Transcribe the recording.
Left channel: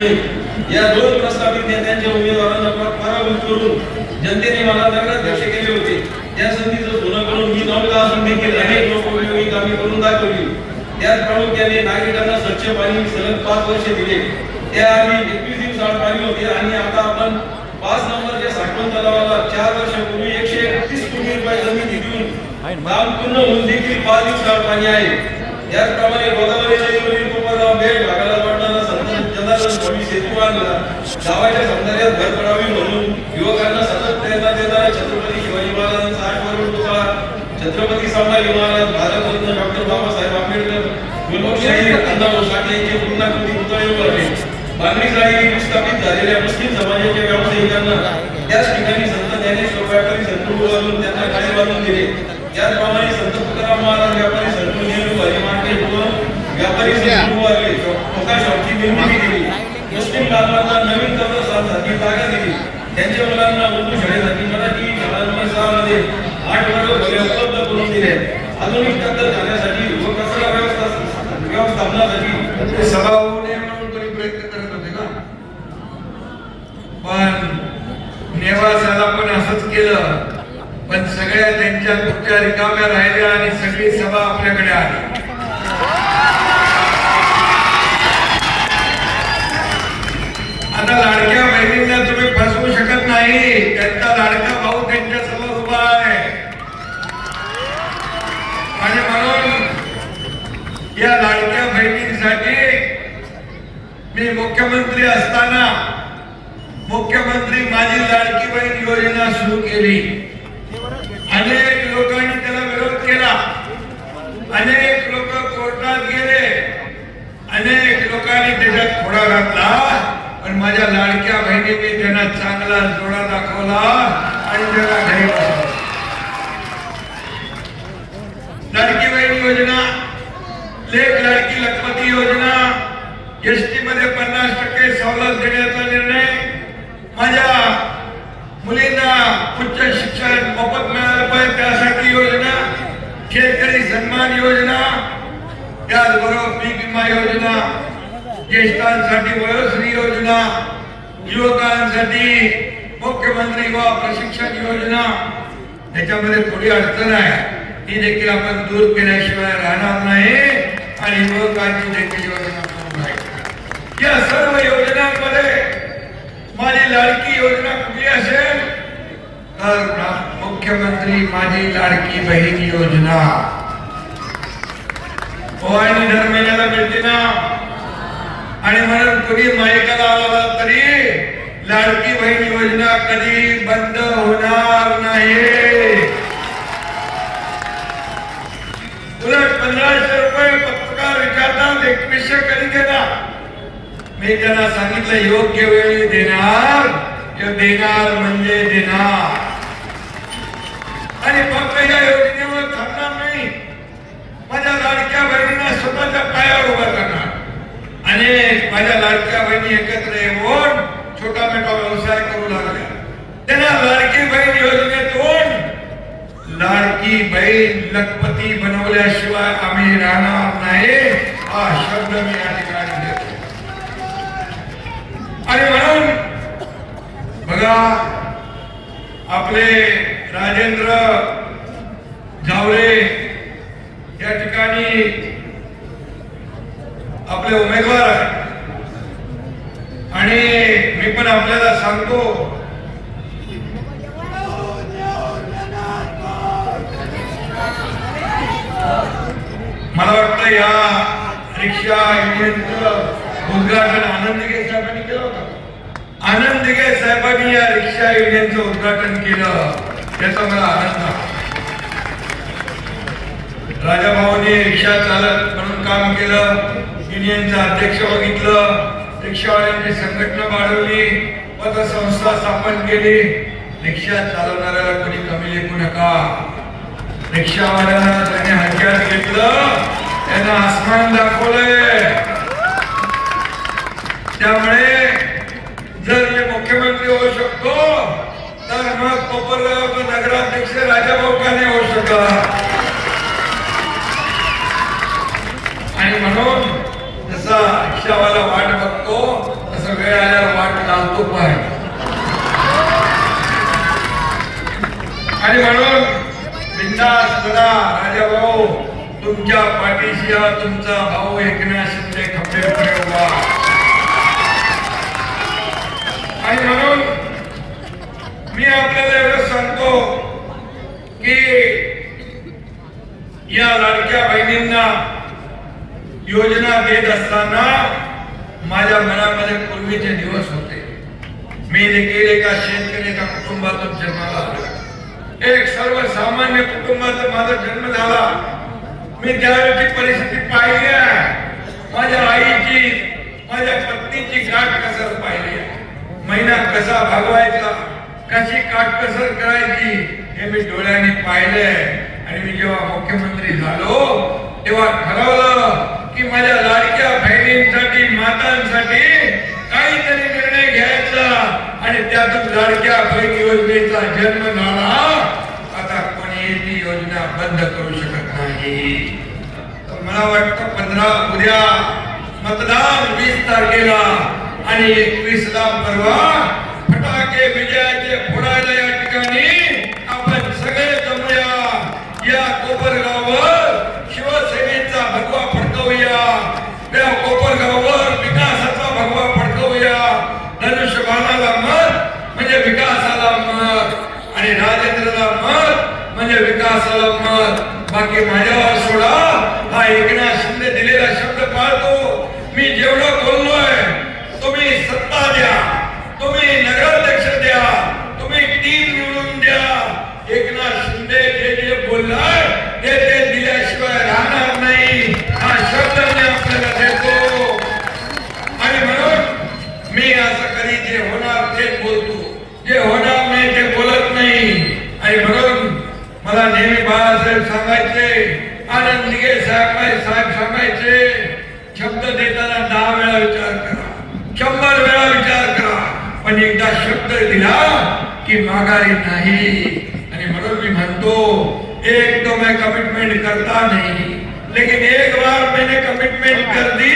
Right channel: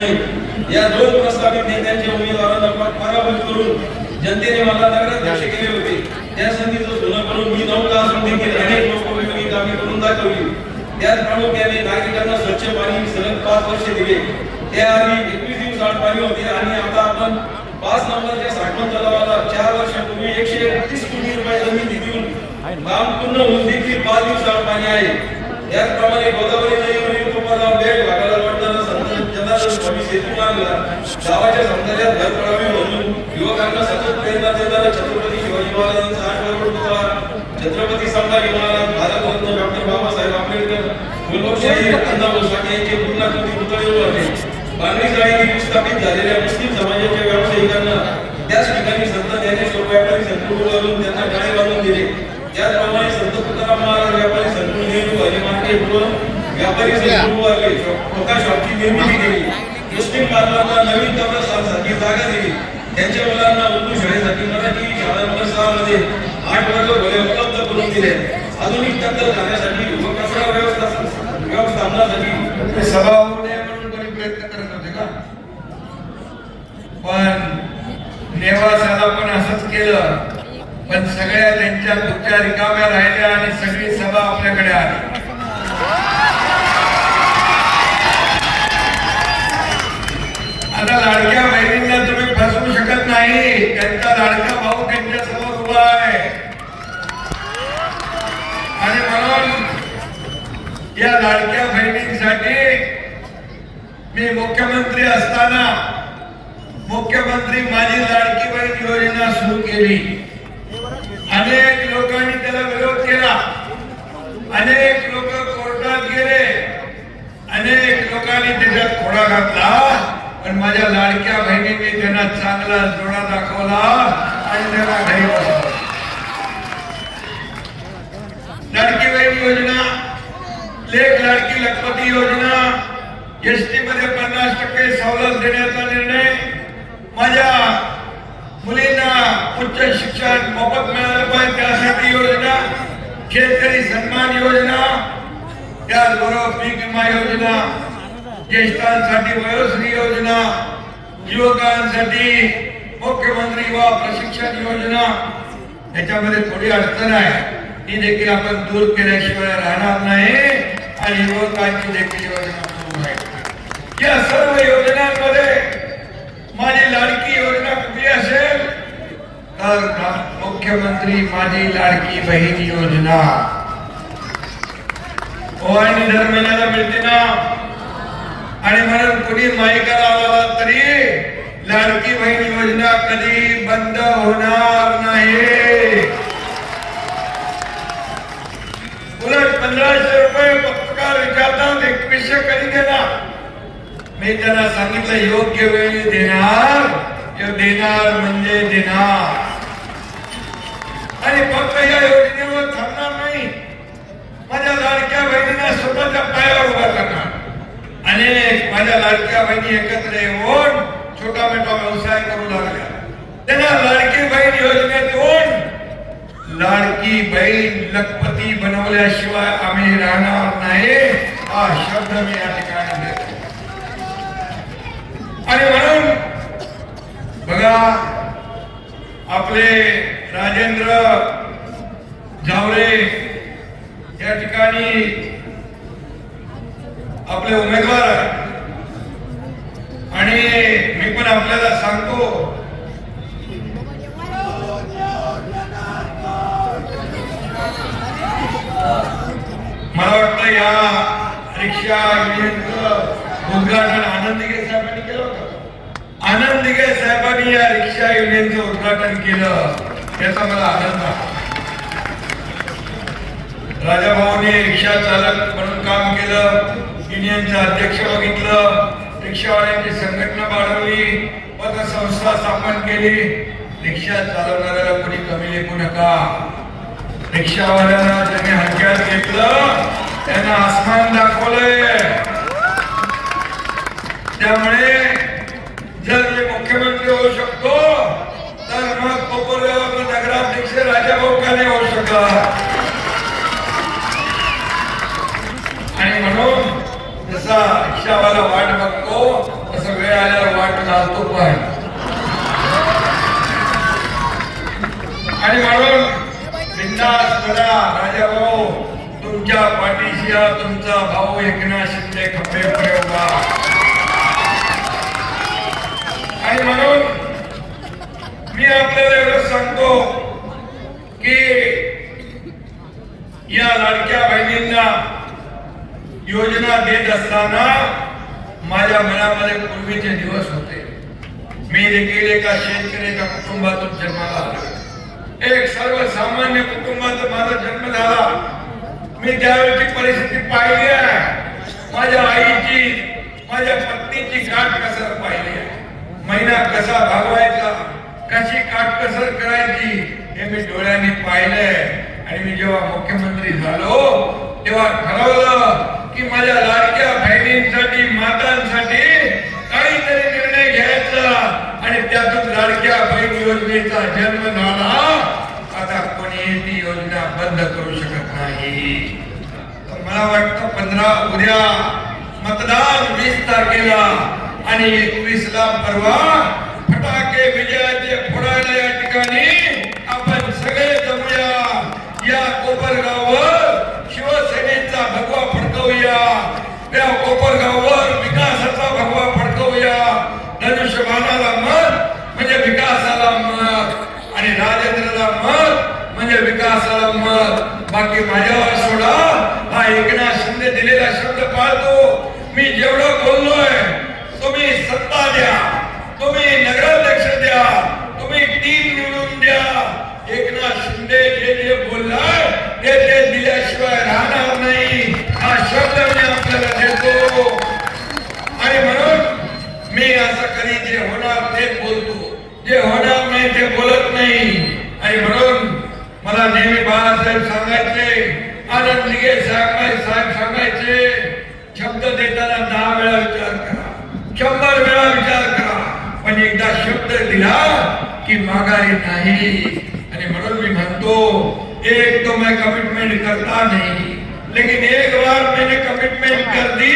या दोन प्रस्तावित नेत्यांच्या उमेदवारांना पराभूत करून जनतेने मला नगराध्यक्ष केले होते. त्या संधीचं सोनं करून मी 9 असून देखील अनेक लोकोपयोगी कामे करून दाखवली. त्याच प्रामुख्याने नागरिकांना स्वच्छ पाणी सलग 5 वर्षे दिले. त्याआधी 21 दिवस आड पाणी होते आणि आता आपण 5 नंबरच्या साठवण तलावाला 4 वर्षापूर्वी 131 कोटी रुपये जमीन देऊन काम पूर्ण होऊन देखील 5 दिवस आड पाणी आहे. याचप्रमाणे गोदावरी नदीवरील कोपरगाव बेट भागाला जोडणारा संत जनार्दन सेतू बांधला. गावाच्या सौंदर्यात भर पडावी म्हणून युवकांना सतत प्रेरणा देणारा छत्रपती शिवाजी महाराजांचा 8 करोड पुतळा, छत्रपती संभाजी महाराज, भारतरत्न डॉक्टर बाबासाहेब आंबेडकर, लोकशाही अण्णाभाऊ साठे यांचे पूर्णाकृती पुतळे उभारले. बांधणीसाठी विस्थापित झालेल्या मुस्लिम समाजाच्या व्यावसायिकांना त्याच ठिकाणी संत ज्ञानेश्वर व्यापारी संकुल उभारून त्यांना गाळे बांधून दिले. त्याचप्रमाणे संत तुकाराम महाराज व्यापारी संकुल नेहरू हरिमार्केट व व्यापारी संकुल उभारले. स्वतः शॉपची निर्मिती केली. मुस्लिम बांधवांना नवीन कब्रस्थानसाठी जागा दिली. त्यांच्या मुलांना उर्दू शाळेसाठी मराठी शाळांमध्ये 8 वर्ग खोल्या उपलब्ध करून दिले. आधुनिक तंत्र जाण्यासाठी व कचरा व्यवस्थापनासाठी सभा होऊ नये म्हणून तुम्ही प्रयत्न करत होते का? पण नेवासाला पण असंच केलं. पण सगळ्या त्यांच्या खुर्च्या रिकाम्या राहिल्या आणि सगळी सभा आपल्याकडे आली. आता लाडक्या बहिणींना तुम्ही फसवू शकत नाही. त्यांचा लाडका भाऊ त्यांच्या समोर उभा आहे आणि म्हणून या लाडक्या बहिणींसाठी मी मुख्यमंत्री असताना मुख्यमंत्री माझी लाडकी बहीण योजना सुरू केली. अनेक लोकांनी त्याला विरोध केला. अनेक लोक कोर्टात गेले. अनेक लोकांनी त्याच्यात खोडा घातला. पण माझ्या लाडक्या बहिणींनी त्यांना चांगला जोडा दाखवला आणि त्याला घेऊन लाडकी बहीण योजना, लेक लाडकी लखपती योजना, एसटी मध्ये 50% सवलत देण्याचा निर्णय, माझ्या मुलींना उच्च शिक्षण मोफत मिळालं पाहिजे त्यासाठी योजना, शेतकरी सन्मान योजना, त्याचबरोबर पीक विमा योजना, ज्येष्ठांसाठी वयोश्री योजना, युवकांसाठी मुख्यमंत्री युवा प्रशिक्षण योजना. याच्यामध्ये थोडी अडचण आहे, ती देखील आपण दूर केल्याशिवाय राहणार नाही आणि युवकांची देखील योजना सुरू आहे. या सर्व योजनांमध्ये माझी लाडकी योजना कुठली असेल तर मुख्यमंत्री माझी लाडकी बहीण योजना. ओवाळणी दर महिन्याला मिळते ना. आणि म्हणून कोणी मायकाला आला तरी लाडकी बहीण योजना कधी बंद होणार नाही. उलट 1500 रुपये पत्रकार विचारतात 2100 कधी देणार. मी त्यांना सांगितलं योग्य वेळी देणार किंवा देणार म्हणजे देणार. आणि फक्त या योजनेवर थांबणार नाही. माझ्या लाडक्या बहिणींना स्वतःच्या पायावर उभा करणार. अनेक माझ्या लाडक्या बहिणी एकत्र येऊन छोटा मोठा व्यवसाय करू लागल्या. त्यांना लाडकी बहीण योजनेतून लाडकी बहीण लखपती बनवल्याशिवाय आम्ही राहणार नाही हा शब्द मी या ठिकाणी देतो. आणि म्हणून बघा आपले राजेंद्र जावरे या ठिकाणी आपले उमेदवार आहेत आणि मी पण आपल्याला सांगतो मला वाटतं या रिक्षा युनियनचं उद्घाटन आनंद दिघे साहेबांनी केलं होतं. आनंद दिघे साहेबांनी या रिक्षा युनियनचं उद्घाटन केलं त्याचा मला आनंद आहे. राजाभाऊंनी रिक्षा चालक म्हणून काम केलं. युनियनचं अध्यक्ष बघितलं. रिक्षावाल्यांची संघटना वाढवली. पतसंस्था स्थापन केली. रिक्षा चालवणाऱ्याला कोणी कमी लेखू नका. रिक्षावाल्यांना त्यांनी हक्यात घेतलं. त्यांना आसमान दाखवलंय. त्यामुळे जर मी मुख्यमंत्री होऊ शकतो तर मग कोपरगाव नगराध्यक्ष राजाभाऊ का नाही होऊ शकत. आणि म्हणून जसा रिक्षावाला वाट बघतो तसा तसं वेळ आल्यावर वाट चालतो पाय. आणि म्हणून बिंदास बघा राजाभाऊ, तुमच्या पाठीशी हा तुमचा भाऊ एकनाथ शिंदे खंबीरपणे उभा. आणि म्हणून मी आपल्याला एवढं सांगतो की या लाडक्या बहिणींना योजना देत असताना माझ्या मनामध्ये पूर्वीचे दिवस होते. मी देखील एका शेतकऱ्याच्या कुटुंबातून जन्माला आलो. एक सर्वसामान्य कुटुंबात माझा जन्म झाला. मी त्यावेळची परिस्थिती पाहिली आहे. माझ्या आईची, माझ्या पत्नीची काटकसर पाहिली आहे. महिना कसा भागवायचा, कशी काटकसर करायची हे मी डोळ्यांनी पाहिलंय. आणि मी जेव्हा मुख्यमंत्री झालो तेव्हा ठरवलं की माझ्या लाडक्या बहिणींसाठी, मातांसाठी काहीतरी निर्णय घ्यायचा. आणि त्यातून लाडक्या बहीण योजनेचा जन्म झाला. आता कोणी ती योजना बंद करू शकत नाही. तर मला वाटतं 15 उद्या मतदान 20 तारखेला आणि 21 ला परवा फटाके विजयाचे फोडायला या ठिकाणी आपण सगळे जमूया. या कोपरगाववर शिवसेनेचा भगवा फडकवूया. या कोपरगाववर विकासाचा भगवा फडकवूया. धनुष्यबाणाला मत म्हणजे विकासाला मत आणि राजेंद्रला मत म्हणजे विकासाला मत. बाकी माझ्याला सोडा. हा एकनाथ शिंदे दिलेला शब्द पाळतो. मी जेवढं बोललोय, तुम्ही सत्ता द्या, तुम्ही नगराध्यक्ष द्या, तुम्ही 3 निवडून द्या. एकनाथ शिंदे जे बोललाय ते दिल्याशिवाय राहणार नाही. हा शब्द मी आपल्याला देतो. आणि म्हणून मी असं कधी जे होणार ते बोलतो, जे होणार नाही ते बोलत नाही. आणि म्हणून मला नेहमी बाळासाहेब सांगायचे, आनंद दिघे साहेब सांगायचे, शब्द देताना 10 वेळा विचार करा, 100 वेळा विचार करा, पण एकदा शब्द दिला की माघारी नाही. आणि म्हणून मी म्हणतो, एक तो मैं कमिटमेंट करता नहीं, लेकिन एक बार मैंने कमिटमेंट कर दी